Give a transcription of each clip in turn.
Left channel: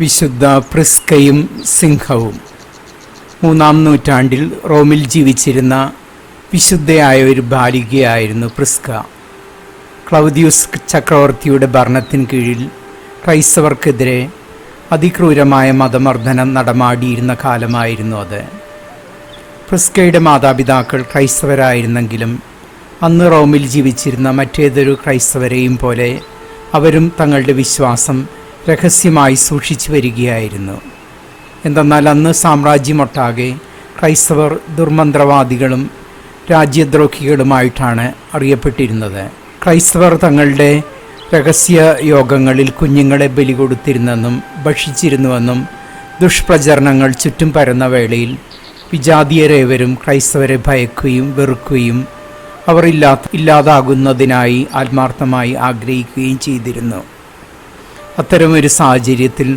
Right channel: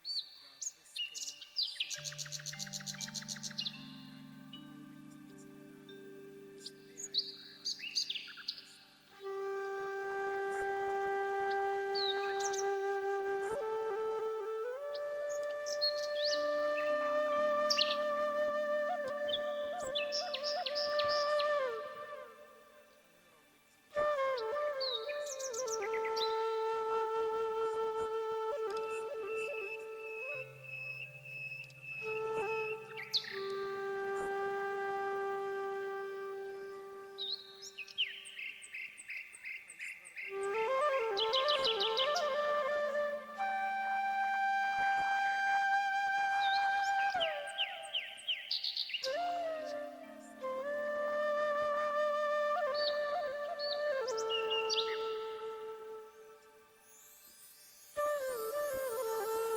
വിശുദ്ധ പ്രിസ്കയും സിംഹവും. മൂന്നാം നൂറ്റാണ്ടിൽ റോമിൽ ജീവിച്ചിരുന്ന വിശുദ്ധയായ ഒരു ബാലികയായിരുന്നു പ്രിസ്ക. ക്ലൗദിയൂസ് ചക്രവർത്തിയുടെ ഭരണത്തിന് കീഴിൽ ക്രൈസ്തവർക്കെതിരെ അതിക്രൂരമായ മതമർദ്ദനം നടമാടിയിരുന്ന കാലമായിരുന്നു അത്. പ്രിസ്കയുടെ മാതാപിതാക്കൾ ക്രൈസ്തവരായിരുന്നെങ്കിലും അന്ന് റോമിൽ ജീവിച്ചിരുന്ന മറ്റേതൊരു ക്രൈസ്തവരെയും പോലെ അവരും തങ്ങളുടെ വിശ്വാസം രഹസ്യമായി സൂക്ഷിച്ചു വരികയായിരുന്നു. എന്തെന്നാൽ അന്ന് സാമ്രാജ്യമൊട്ടാകെ ക്രൈസ്തവർ ദുർമന്ത്രവാദികളും രാജ്യദ്രോഹികളുമായിട്ടാണ് അറിയപ്പെട്ടിരുന്നത്. ക്രൈസ്തവർ തങ്ങളുടെ രഹസ്യ യോഗങ്ങളിൽ കുഞ്ഞുങ്ങളെ ബലി കൊടുത്തിരുന്നെന്നും ഭക്ഷിച്ചിരുന്നുവെന്നും ദുഷ്പ്രചരണങ്ങൾ ചുറ്റും പരന്ന വേളയിൽ വിജാതീയരേവരും ക്രൈസ്തവരെ ഭയക്കുകയും വെറുക്കുകയും അവർ ഇല്ലാത്ത ഇല്ലാതാകുന്നതിനായി ആത്മാർത്ഥമായി ആഗ്രഹിക്കുകയും ചെയ്തിരുന്നു. അത്തരമൊരു സാഹചര്യത്തിൽ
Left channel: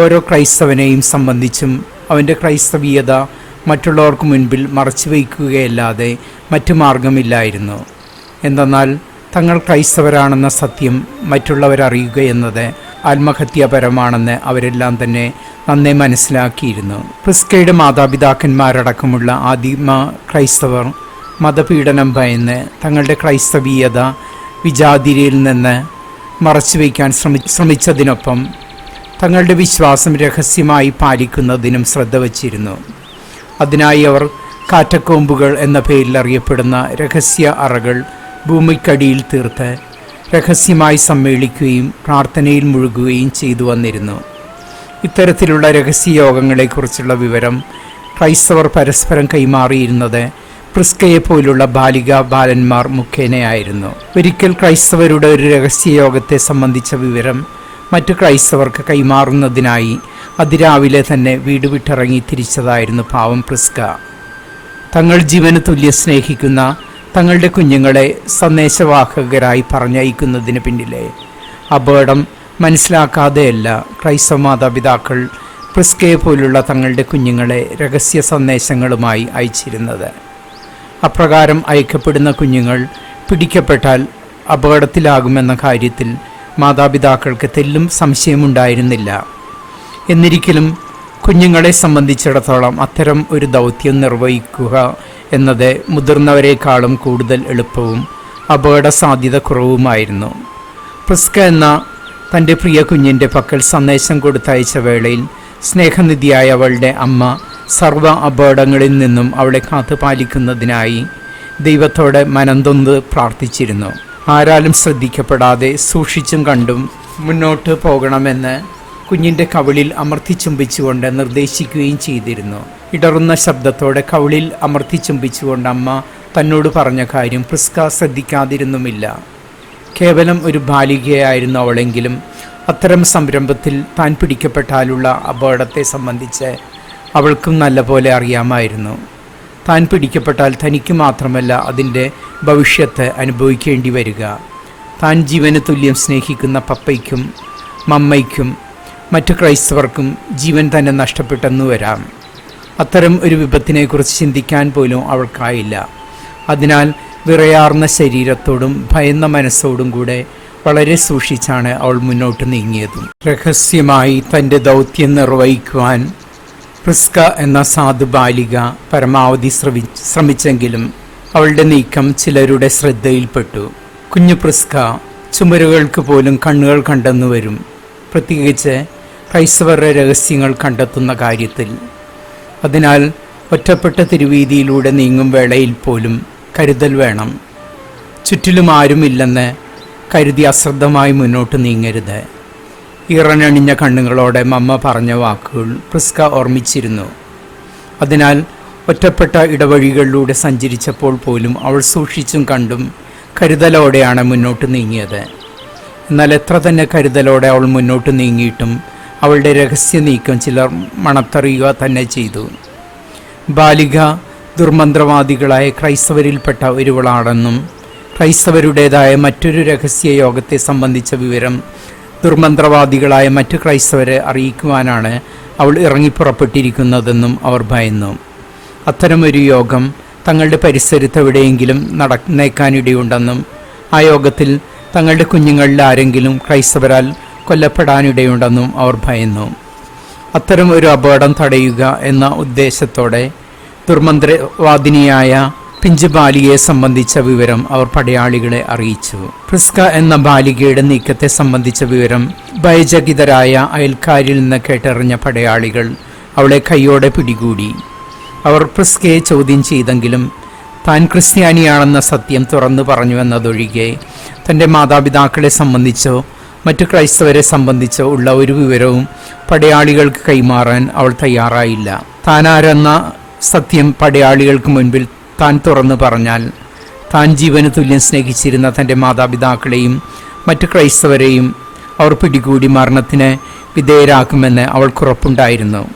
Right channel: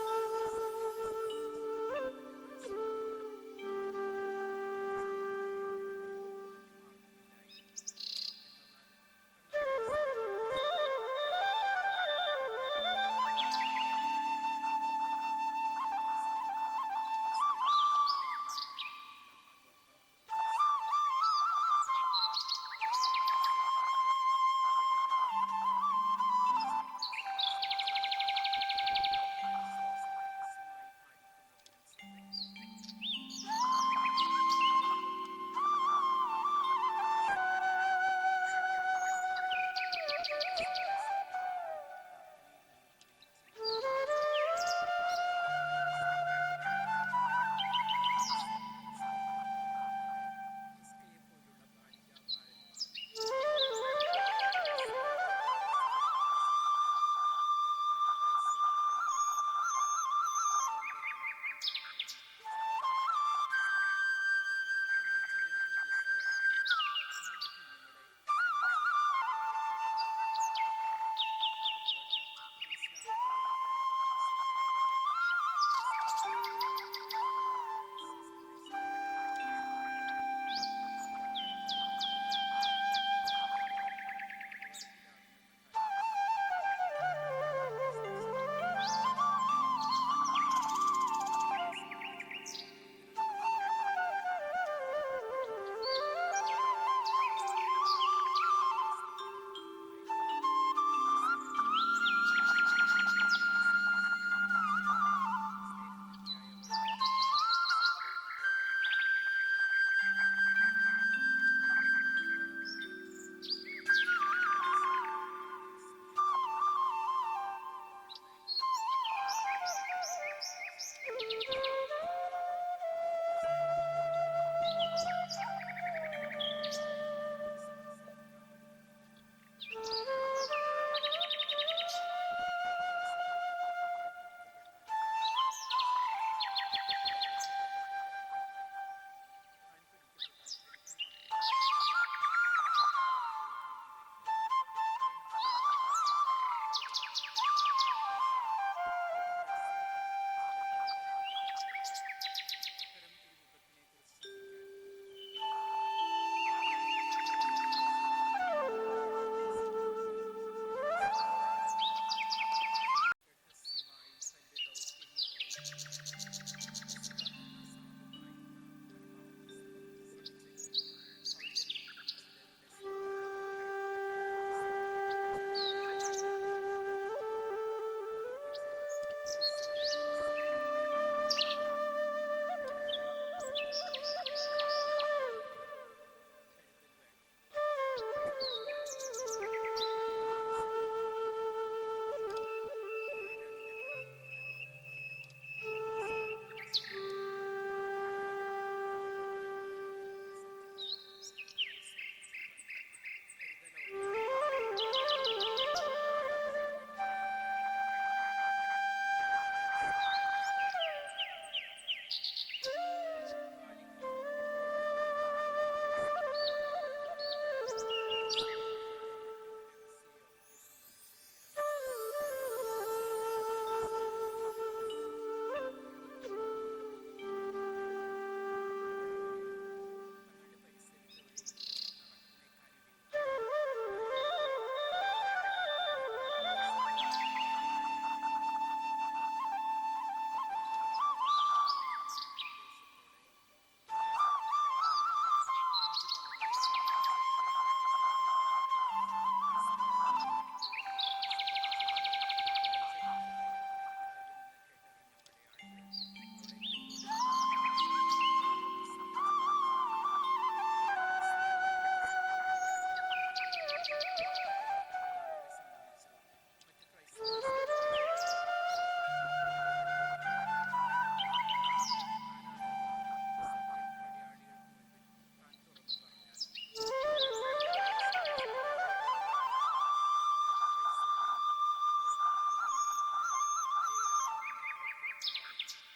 ഓരോ ക്രൈസ്തവനെയും സംബന്ധിച്ചും അവന്റെ ക്രൈസ്തവീയത മറ്റുള്ളവർക്ക് മുൻപിൽ മറച്ചു വയ്ക്കുകയല്ലാതെ മറ്റു മാർഗമില്ലായിരുന്നു എന്തെന്നാൽ തങ്ങൾ ക്രൈസ്തവരാണെന്ന സത്യം മറ്റുള്ളവരറിയുക എന്നത് ആത്മഹത്യാപരമാണെന്ന് അവരെല്ലാം തന്നെ നന്നേ മനസ്സിലാക്കിയിരുന്നു. പ്രിസ്കയുടെ മാതാപിതാക്കന്മാരടക്കമുള്ള ആദിമ ക്രൈസ്തവർ മതപീഡനം ഭയന്ന് തങ്ങളുടെ ക്രൈസ്തവീയത വിജാതിരിയിൽ നിന്ന് മറച്ചുവെക്കാൻ ശ്രമി ശ്രമിച്ചതിനൊപ്പം തങ്ങളുടെ വിശ്വാസം രഹസ്യമായി പാലിക്കുന്നതിനും ശ്രദ്ധ വച്ചിരുന്നു. അതിനായി അവർ കാറ്റക്കോമ്പുകൾ എന്ന പേരിൽ അറിയപ്പെടുന്ന രഹസ്യ അറകൾ ഭൂമിക്കടിയിൽ തീർത്ത് രഹസ്യമായി സമ്മേളിക്കുകയും പ്രാർത്ഥനയിൽ മുഴുകുകയും ചെയ്തു വന്നിരുന്നു. ഇത്തരത്തിലുള്ള രഹസ്യ യോഗങ്ങളെക്കുറിച്ചുള്ള വിവരം ക്രൈസ്തവർ പരസ്പരം കൈമാറിയിരുന്നത് പ്രിസ്കയെ പോലുള്ള ബാലിക ബാലന്മാർ മുഖേനയായിരുന്നു. ഒരിക്കൽ ക്രൈസ്തവരുടെ ഒരു രഹസ്യ യോഗത്തെ സംബന്ധിച്ച വിവരം മറ്റു ക്രൈസ്തവർക്ക് കൈമാറുന്നതിനായി അതിരാവിലെ തന്നെ വീട് വിട്ടിറങ്ങി തിരിച്ചതായിരുന്നു പാവം പ്രിസ്ക. തങ്ങൾ ജീവന് തുല്യ സ്നേഹിക്കുന്ന തങ്ങളുടെ കുഞ്ഞുങ്ങളെ സന്ദേശവാഹകരായി പറഞ്ഞയക്കുന്നതിന് പിന്നിലെ അപകടം മനസ്സിലാക്കാതെയല്ല ക്രൈസ്തവ മാതാപിതാക്കൾ പ്രിസ്കയെ പോലുള്ള തങ്ങളുടെ കുഞ്ഞുങ്ങളെ രഹസ്യ സന്ദേശങ്ങളുമായി അയച്ചിരുന്നത്. അപ്രകാരം അയക്കപ്പെടുന്ന കുഞ്ഞുങ്ങൾ പിടിക്കപ്പെട്ടാൽ അപകടത്തിലാകുമെന്ന കാര്യത്തിൽ മാതാപിതാക്കൾക്ക് തെല്ലും സംശയമുണ്ടായിരുന്നില്ല. എന്നിരിക്കലും കുഞ്ഞുങ്ങളെ സംബന്ധിച്ചിടത്തോളം അത്തരം ഒരു ദൗത്യം നിർവഹിക്കുക എന്നത് മുതിർന്നവരെക്കാളും കൂടുതൽ എളുപ്പവും അപകട സാധ്യത കുറവുമായിരുന്നു പ്രിസ്ക എന്ന തന്റെ പ്രിയ കുഞ്ഞിന്റെ പക്കൽ സന്ദേശം കൊടുത്തയച്ച വേളയിൽ സ്നേഹനിധിയായ അവളുടെ അമ്മ സർവ അപകടങ്ങളിൽ നിന്നും അവളെ കാത്തു പാലിക്കുന്നതിനായി ദൈവത്തോടെ മനംതൊന്ന് പ്രാർത്ഥിച്ചിരുന്നു. ആരാലും ശ്രദ്ധിക്കപ്പെടാതെ സൂക്ഷിച്ചും കണ്ടും മുന്നോട്ട് പോകണമെന്ന് കുഞ്ഞിന്റെ കവിളിൽ അമർത്തി ചുംബിച്ചുകൊണ്ട് നിർദ്ദേശിക്കുകയും ചെയ്തിരുന്നു. ഇടറുന്ന ശബ്ദത്തോടെ കവിളിൽ അമർത്തി ചുംബിച്ചുകൊണ്ട് അമ്മ തന്നോട് പറഞ്ഞ കാര്യം പ്രിസ്ക ശ്രദ്ധിക്കാതിരുന്നുമില്ല. കേവലം ഒരു ബാലികയായിരുന്നു അവളെങ്കിലും അത്തരം സംരംഭത്തിൽ താൻ പിടിക്കപ്പെട്ടാലുള്ള അപകടത്തെ സംബന്ധിച്ച് അവൾക്കും നല്ലപോലെ അറിയാമായിരുന്നു. താൻ പിടിക്കപ്പെട്ടാൽ തനിക്ക് മാത്രമല്ല അതിന്റെ ഭവിഷ്യത്ത് അനുഭവിക്കേണ്ടി വരിക. താൻ ജീവന് തുല്യം സ്നേഹിക്കുന്ന പപ്പയ്ക്കും മമ്മയ്ക്കും മറ്റു ക്രൈസ്തവർക്കും ജീവൻ തന്നെ നഷ്ടപ്പെട്ടെന്നു വരാം. അത്തരം ഒരു വിപത്തിനെക്കുറിച്ച് ചിന്തിക്കാൻ പോലും അവൾക്കായില്ല. അതിനാൽ വിറയാർന്ന ശരീരത്തോടും ഭയന്ന മനസ്സോടും കൂടെ വളരെ സൂക്ഷിച്ചാണ് അവൾ മുന്നോട്ട് നീങ്ങിയതും. രഹസ്യമായി തന്റെ ദൗത്യം നിർവഹിക്കുവാൻ പ്രിസ്ക എന്ന സാധു ബാലിക പരമാവധി ശ്രമി ശ്രമിച്ചെങ്കിലും അവളുടെ നീക്കം ചിലരുടെ ശ്രദ്ധയിൽപ്പെട്ടു. കുഞ്ഞു പ്രിസ്ക ചുമരുകൾക്ക് പോലും കണ്ണുകൾ കണ്ടെന്നു വരും. പ്രത്യേകിച്ച് ക്രൈസ്തവരുടെ രഹസ്യങ്ങൾ കണ്ടെത്തുന്ന കാര്യത്തിൽ. അതിനാൽ ഒറ്റപ്പെട്ട തിരുവീതിയിലൂടെ നീങ്ങും വേളയിൽ പോലും കരുതൽ വേണം. ചുറ്റിലും ആരുമില്ലെന്ന് കരുതി അശ്രദ്ധമായി മുന്നോട്ട് നീങ്ങരുത്. ഇറനണിഞ്ഞ കണ്ണുകളോടെ മമ്മ പറഞ്ഞ വാക്കുകൾ പ്രിസ്ക ഓർമ്മിച്ചിരുന്നു. അതിനാൽ ഒറ്റപ്പെട്ട ഇടവഴികളിലൂടെ സഞ്ചരിച്ചപ്പോൾ പോലും അവൾ സൂക്ഷിച്ചും കണ്ടും കരുതലോടെയാണ് മുന്നോട്ട് നീങ്ങിയത്. എന്നാൽ എത്ര തന്നെ കരുതലോടെ അവൾ മുന്നോട്ട് നീങ്ങിയിട്ടും അവളുടെ രഹസ്യ നീക്കം ചിലർ മണത്തറിയുക തന്നെ ചെയ്തു. ബാലിക ദുർമന്ത്രവാദികളായ ക്രൈസ്തവരിൽപ്പെട്ട ഒരുവളാണെന്നും ക്രൈസ്തവരുടേതായ മറ്റൊരു രഹസ്യ യോഗത്തെ സംബന്ധിച്ച വിവരം ദുർമന്ത്രവാദികളായ മറ്റ് ക്രൈസ്തവരെ അറിയിക്കുവാനാണ് അവൾ ഇറങ്ങിപ്പുറപ്പെട്ടിരിക്കുന്നതെന്നും അവർ ഭയന്നു. അത്തരമൊരു യോഗം തങ്ങളുടെ പരിസരത്ത് എവിടെയെങ്കിലും നടന്നേക്കാനിടയുണ്ടെന്നും ആ യോഗത്തിൽ തങ്ങളുടെ കുഞ്ഞുങ്ങളിൽ ആരെങ്കിലും ക്രൈസ്തവരാൽ കൊല്ലപ്പെടാനിടയുണ്ടെന്നും അവർ ഭയന്നു. അത്തരം ഒരു അപകടം തടയുക എന്ന ഉദ്ദേശത്തോടെ ദുർമന്ത്രവാദിനിയായ പിഞ്ചു ബാലികയെ സംബന്ധിച്ച വിവരം അവർ പടയാളികളെ അറിയിച്ചു. പ്രിസ്ക എന്ന ബാലികയുടെ നീക്കത്തെ സംബന്ധിച്ച വിവരം ഭയചകിതരായ അയൽക്കാരിൽ നിന്ന് കേട്ടറിഞ്ഞ പടയാളികൾ അവളെ കൈയോടെ പിടികൂടി. അവർ പ്രിസ്കയെ ചോദ്യം ചെയ്തെങ്കിലും താൻ ക്രിസ്ത്യാനിയാണെന്ന സത്യം തുറന്നു പറഞ്ഞു എന്നതൊഴികെ തന്റെ മാതാപിതാക്കളെ സംബന്ധിച്ചോ മറ്റു ക്രൈസ്തവരെ സംബന്ധിച്ചോ ഉള്ള ഒരു വിവരവും പടയാളികൾക്ക് കൈമാറാൻ അവൾ തയ്യാറായില്ല. താനാരെന്ന സത്യം പടയാളികൾക്ക് മുൻപിൽ താൻ തുറന്നു പറഞ്ഞാൽ താൻ ജീവന് തുല്യം സ്നേഹിച്ചിരുന്ന തന്റെ മാതാപിതാക്കളെയും മറ്റു ക്രൈസ്തവരെയും അവർ പിടികൂടി മരണത്തിന് വിധേയരാക്കുമെന്ന് അവൾക്കുറപ്പുണ്ടായിരുന്നു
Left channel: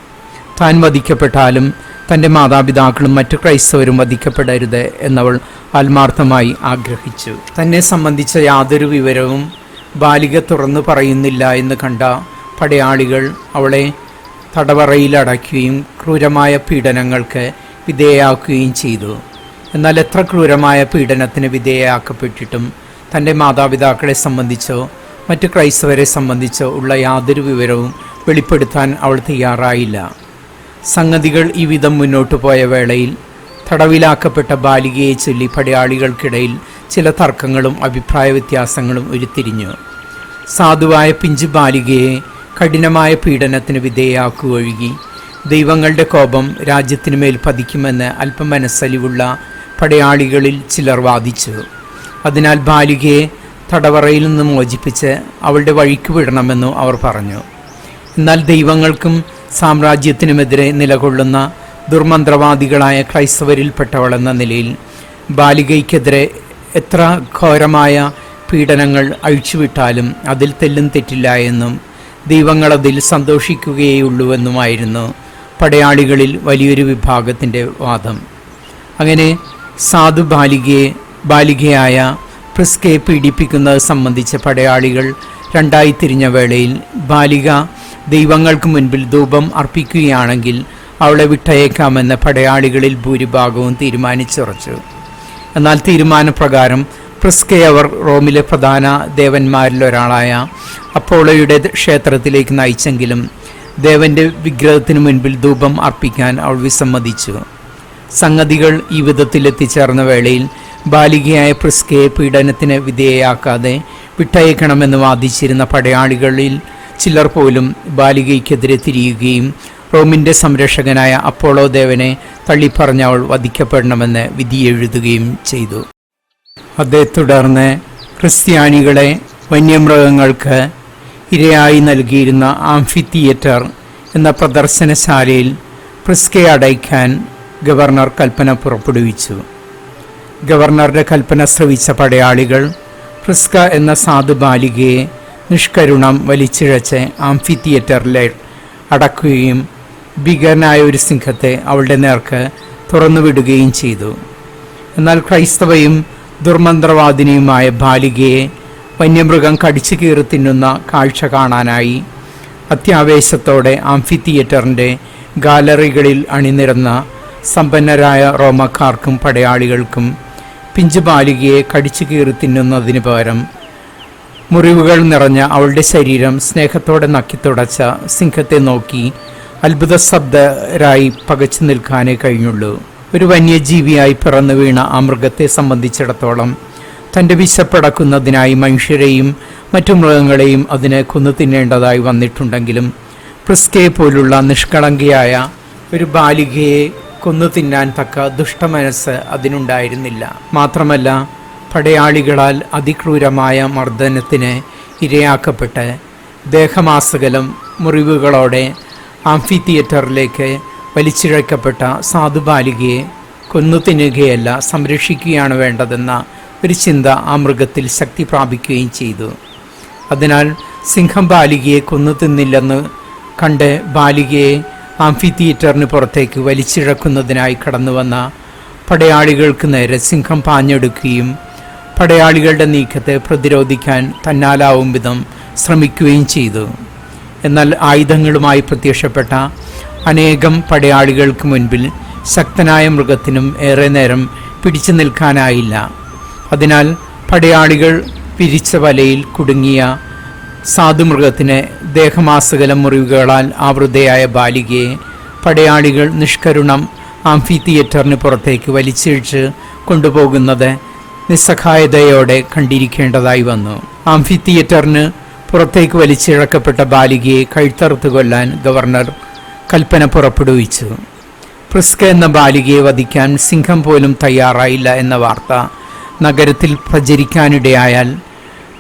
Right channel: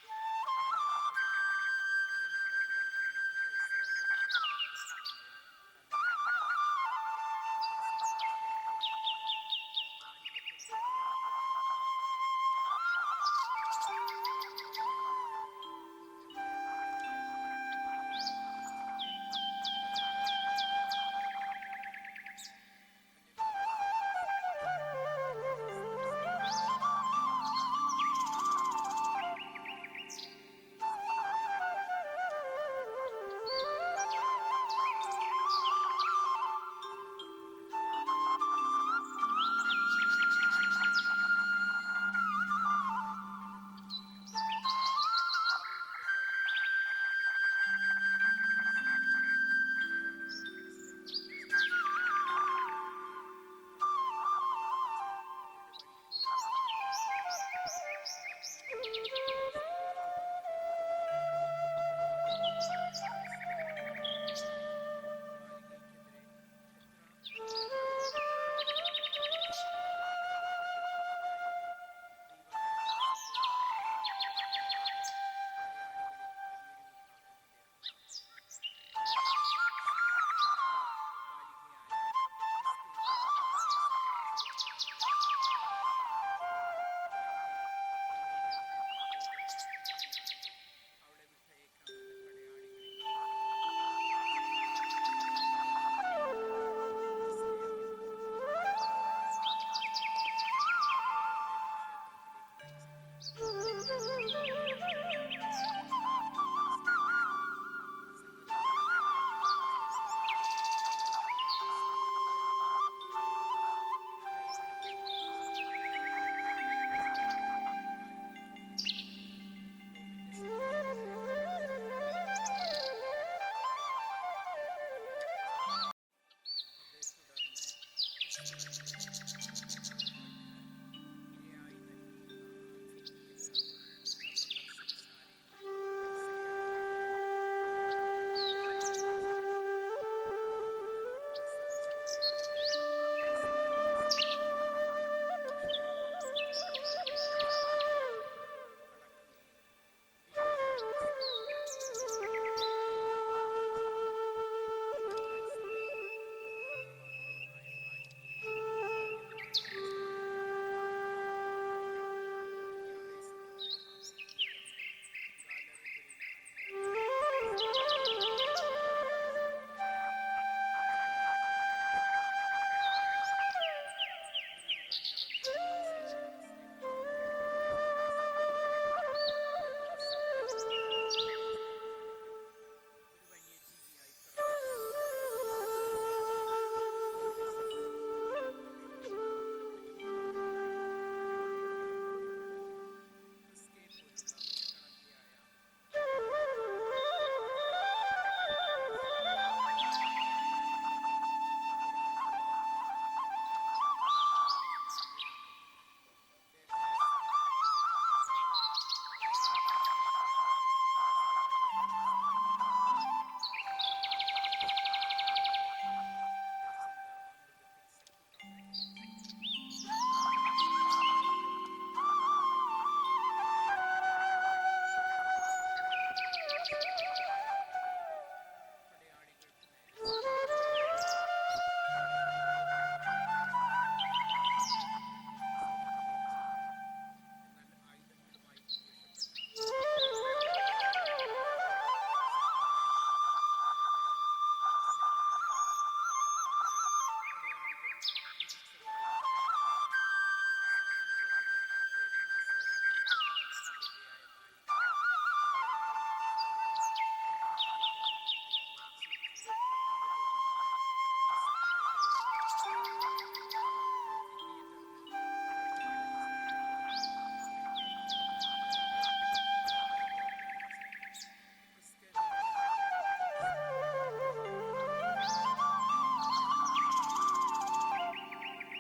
താൻ വധിക്കപ്പെട്ടാലും തന്റെ മാതാപിതാക്കളും മറ്റു ക്രൈസ്തവരും വധിക്കപ്പെടരുത് എന്നവൾ ആത്മാർത്ഥമായി ആഗ്രഹിച്ചു. തന്നെ സംബന്ധിച്ച യാതൊരു വിവരവും ബാലിക തുറന്നു പറയുന്നില്ല എന്ന് കണ്ട പടയാളികൾ അവളെ തടവറയിലടയ്ക്കുകയും ക്രൂരമായ പീഡനങ്ങൾക്ക് വിധേയാക്കുകയും ചെയ്തു. എന്നാൽ എത്ര ക്രൂരമായ പീഡനത്തിന് വിധേയയാക്കപ്പെട്ടിട്ടും തന്റെ മാതാപിതാക്കളെ സംബന്ധിച്ചോ മറ്റ് ക്രൈസ്തവരെ സംബന്ധിച്ചോ ഉള്ള യാതൊരു വിവരവും വെളിപ്പെടുത്താൻ അവൾ തയ്യാറായില്ല. സംഗതികൾ ഈ വിധം മുന്നോട്ടു പോയ വേളയിൽ തടവിലാക്കപ്പെട്ട ബാലികയെ ചൊല്ലി പടയാളികൾക്കിടയിൽ ചില തർക്കങ്ങളും അഭിപ്രായ വ്യത്യാസങ്ങളും ഉരുത്തിരിഞ്ഞു. സാധുവായ പിഞ്ചു ബാലികയെ കഠിനമായ പീഡനത്തിന് വിധേയയാക്കുകയൊഴുകി ദൈവങ്ങളുടെ കോപം രാജ്യത്തിനുമേൽ പതിക്കുമെന്ന് അല്പം മനസ്സലിവുള്ള പടയാളികളിൽ ചിലർ വാദിച്ചു. അതിനാൽ ബാലികയെ തടവറയിൽ നിന്ന് മോചിപ്പിച്ച് അവളുടെ വഴിക്ക് വിടണമെന്നു അവർ പറഞ്ഞു. എന്നാൽ ദൈവങ്ങൾക്കും സാമ്രാജ്യത്തിനുമെതിരെ നിലകൊള്ളുന്ന ദുർമന്ത്രവാദികളായ ക്രൈസ്തവരിൽപ്പെട്ടവളെന്ന നിലയിൽ ബാലികയ്ക്കെതിരെ എത്ര ഘോരമായ പീഡനങ്ങൾ അഴിച്ചുവിട്ടാലും അതിൽ തെല്ലും തെറ്റില്ല എന്നും ദൈവങ്ങളതിൽ സന്തോഷിക്കുകയുള്ളൂവെന്നുമായിരുന്നു പടയാളികളിൽ വലിയൊരു വിഭാഗത്തിന്റെ വാദം. അങ്ങനെ സാധു ബാലികയെ ബാലികയായ പ്രിസ്കയെ പീഡിപ്പിക്കുന്നത് സംബന്ധിച്ച പടയാളികൾ രണ്ടായി തിരിഞ്ഞ വേളയിൽ ബാലിക ദൈവങ്ങൾക്ക് മുൻപിൽ ധൂപം അർപ്പിക്കുകയാണെങ്കിൽ അവളെ വിട്ടയക്കാമെന്ന് പടയാളികളിൽ ഭൂരിഭാഗവും തീരുമാനിച്ചുറച്ചു. എന്നാൽ തീരുമാനപ്രകാരം പ്രിസ്കയെ അവർ റോമിലെ പ്രധാന ദേവന്മാരിൽ ഒരാളായ അപ്പോളോയുടെ ക്ഷേത്രത്തിലേക്ക് നയിച്ചെങ്കിലും ദേവന്റെ വിഗ്രഹത്തിനു മുൻപിൽ ധൂപം അർപ്പിക്കാൻ അവൾ വിസമ്മതിച്ചു. സംഗതികൾ ഈ വിധത്തിൽ എത്തിച്ചേർന്ന വേളയിൽ ബാലികയായ പ്രിസ്കയെ പീഡനത്തിന് വിധേയയാക്കാതെ വിട്ടയക്കണമെന്ന് വാദിച്ചിരുന്ന പടയാളികളിൽ ചിലർ പോലും ബാലികയ്ക്കെതിരെ തിരിയുകയും റോമിന്റെ സംരക്ഷകനായ അപ്പോളോ ദേവനെ തള്ളിപ്പറഞ്ഞവൾ വധിക്കപ്പെടണമെന്ന് വിധിയെഴുതുകയും ചെയ്തു. അതേ തുടർന്ന് ക്രിസ്ത്യാനികളെ വന്യമൃഗങ്ങൾക്ക് ഇരയായി നൽകിയിരുന്ന ആംഫി തിയേറ്റർ എന്ന പ്രദർശനശാലയിൽ പ്രിസ്കയെ അടയ്ക്കാൻ ഗവർണർ കൽപ്പന പുറപ്പെടുവിച്ചു. ഗവർണറുടെ കൽപ്പന ശ്രവിച്ച പടയാളികൾ പ്രിസ്ക എന്ന സാധു ബാലികയെ നിഷ്കരുണം വലിച്ചിഴച്ച് ആംഫി തിയേറ്ററിലെ അടക്കുകയും ഭീകരനായ ഒരു സിംഹത്തെ അവളുടെ നേർക്ക് തുറന്നുവിടുകയും ചെയ്തു. എന്നാൽ ക്രൈസ്തവയും ദുർമന്ത്രവാദിനിയുമായ ബാലികയെ വന്യമൃഗം കടിച്ചു കീറി തിന്നുന്ന കാഴ്ച കാണാനായി അത്യാവേശത്തോടെ ആംഫി തിയേറ്ററിന്റെ ഗാലറികളിൽ അണിനിരന്ന സമ്പന്നരായ റോമക്കാർക്കും പടയാളികൾക്കും പിഞ്ചു ബാലികയെ കടിച്ചു കീറി തിന്നുന്നതിന് പകരം മുറിവുകൾ നിറഞ്ഞ അവളുടെ ശരീരം സ്നേഹത്തോടെ നക്കിത്തുടച്ച സിംഹത്തെ നോക്കി അത്ഭുത ശബ്ദരായി പകച്ചു നിൽക്കാനേ കഴിഞ്ഞുള്ളൂ. ഒരു വന്യജീവിയായി പിറന്നു വീണ ആ മൃഗത്തെ സംബന്ധിച്ചിടത്തോളം തന്റെ വിശപ്പടക്കുന്നതിനായി മനുഷ്യരെയും മറ്റു മൃഗങ്ങളെയും അതിനെ കൊന്നു തിന്നേണ്ടതായി വന്നിട്ടുണ്ടെങ്കിലും പ്രിസ്കയെ പോലുള്ള നിഷ്കളങ്കയായ ഒരു ബാലികയെ കൊന്നു തിന്നാൻ തക്ക ദുഷ്ടമനസ്സ് അതിനുണ്ടായിരുന്നില്ല. മാത്രമല്ല പടയാളികളാൽ അതിക്രൂരമായ മർദ്ദനത്തിന് ഇരയാക്കപ്പെട്ട് ദേഹമാസകലം മുറിവുകളോടെ ആംഫി തിയേറ്ററിലേക്ക് വലിച്ചിഴക്കപ്പെട്ട സാധുബാലികയെ കൊന്നു തിന്നുകയല്ല സംരക്ഷിക്കുകയാണ് വേണ്ടതെന്ന ഒരു ചിന്ത ആ മൃഗത്തിൽ ശക്തി പ്രാപിക്കുകയും ചെയ്തു. അതിനാൽ സിംഹം ബാലികയെ കൊന്നു തിന്നില്ലെന്ന് കണ്ട് ബാലികയെ ആംഫി തിയേറ്ററിന് പുറത്തേക്ക് വലിച്ചിഴക്കുന്നതിനായി കടന്നുവന്ന പടയാളികൾക്ക് നേരെ സിംഹം പാഞ്ഞെടുക്കുകയും പടയാളികളുടെ നീക്കത്തെ പ്രതിരോധിക്കാൻ തന്നാലാവും വിധം ശ്രമിക്കുകയും ചെയ്തു. എന്നാൽ ആയുധങ്ങളുമായി പ്രത്യക്ഷപ്പെട്ട അനേകം പടയാളികൾക്ക് മുൻപിൽ ശക്തനായ മൃഗത്തിനും ഏറെ നേരം പിടിച്ചു നിൽക്കാനായില്ല. അതിനാൽ പടയാളികൾ പിരിച്ച വലയിൽ കുടുങ്ങിയ സാധുമൃഗത്തിന് ദേഹമാസകലം മുറിവുകളാൽ ആവൃതയായ ബാലികയെ പടയാളികൾ നിഷ്കരുണം ആംഫി തിയേറ്ററിന് പുറത്തേക്ക് വലിച്ചിഴിച്ച് കൊണ്ടുപോകുന്നത് നിസ്സഹായതയോടെ കണ്ടിരിക്കേണ്ടതായി വന്നു. ആംഫി തിയേറ്ററിന് പുറത്തേക്ക് വലിച്ചിഴക്കപ്പെട്ട ബാലികയെ കഴുത്തറുത്ത് കൊല്ലാൻ ഗവർണർ കൽപ്പന പുറപ്പെടുവിച്ചു. പ്രിസ്ക എന്ന ബാലികയെ വധിക്കാൻ സിംഹം പോലും തയ്യാറായില്ല എന്ന വാർത്ത നഗരത്തിൽ പ്രചരിക്കാനിടയായാൽ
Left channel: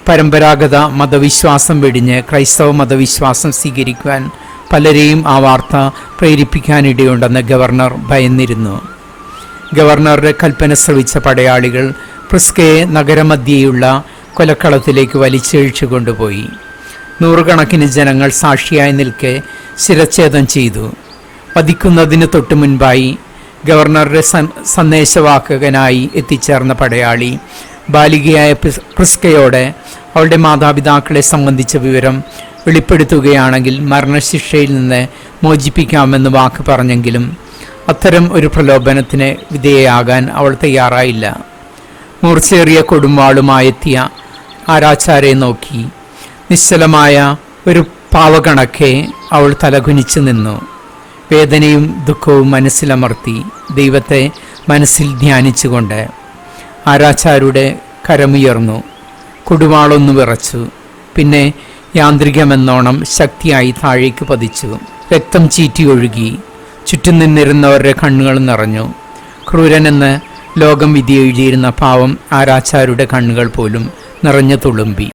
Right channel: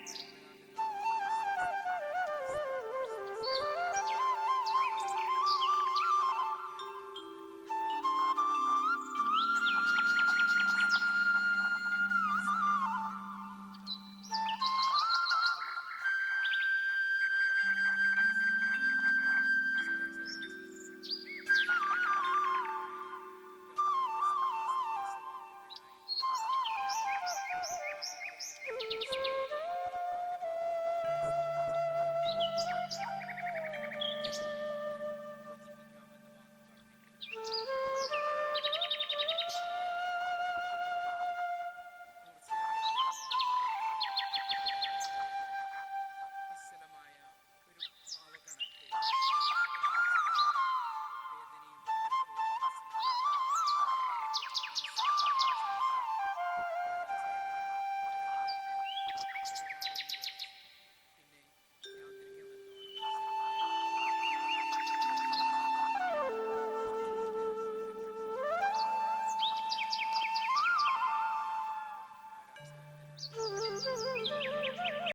പരമ്പരാഗത മതവിശ്വാസം വെടിഞ്ഞ് ക്രൈസ്തവ മതവിശ്വാസം സ്വീകരിക്കുവാൻ പലരെയും ആ വാർത്ത പ്രേരിപ്പിക്കാനിടയുണ്ടെന്ന് ഗവർണർ ഭയന്നിരുന്നു. ഗവർണറുടെ കൽപ്പന ശ്രവിച്ച പടയാളികൾ പ്രിസ്കയെ നഗരമധ്യയുള്ള കൊലക്കളത്തിലേക്ക് വലിച്ചഴിച്ചു കൊണ്ടുപോയി നൂറുകണക്കിന് ജനങ്ങൾ സാക്ഷിയായി നിൽക്കെ ശിരച്ഛേദം ചെയ്തു. വധിക്കുന്നതിന് തൊട്ടു മുൻപായി ഗവർണറുടെ സന്ദേശവാഹകനായി എത്തിച്ചേർന്ന പടയാളി ബാലികയായ ക്രിസ്കയോടെ അവളുടെ മാതാപിതാക്കളെ സംബന്ധിച്ച വിവരം വെളിപ്പെടുത്തുകയാണെങ്കിൽ മരണശിക്ഷയിൽ നിന്ന് മോചിപ്പിക്കാമെന്ന് വാക്ക് പറഞ്ഞെങ്കിലും അത്തരം ഒരു പ്രലോഭനത്തിന് വിധേയയാകാൻ അവൾ തയ്യാറായില്ല. മൂർച്ചേറിയ കൊടുമ്പാളുമായെത്തിയ ആരാച്ചാരെ നോക്കി. നിശ്ചലമായ ഒരു പാവകണക്കെ അവൾ തലകുനിച്ചു നിന്നു. വേദനയും ദുഃഖവും മനസ്സിലമർത്തി ദൈവത്തെ മനസ്സിൽ ധ്യാനിച്ചുകൊണ്ട് ആരാച്ചാരുടെ കരമുയർന്നു. കൊടുവാളൊന്നു വിറച്ചു. പിന്നെ യാന്ത്രികമെന്നോണം ശക്തിയായി താഴേക്ക് പതിച്ചു. രക്തം ചീറ്റി ഒഴുകി. ചുറ്റും നിന്നിരുന്നവരുടെ കണ്ണുകൾ നിറഞ്ഞു. ക്രൂരനെന്ന് ലോകം വിധി എഴുതിയിരുന്ന പാവം ആരാച്ചാരുടെ കണ്ണുകൾ പോലും നിറഞ്ഞു തുളുമ്പി.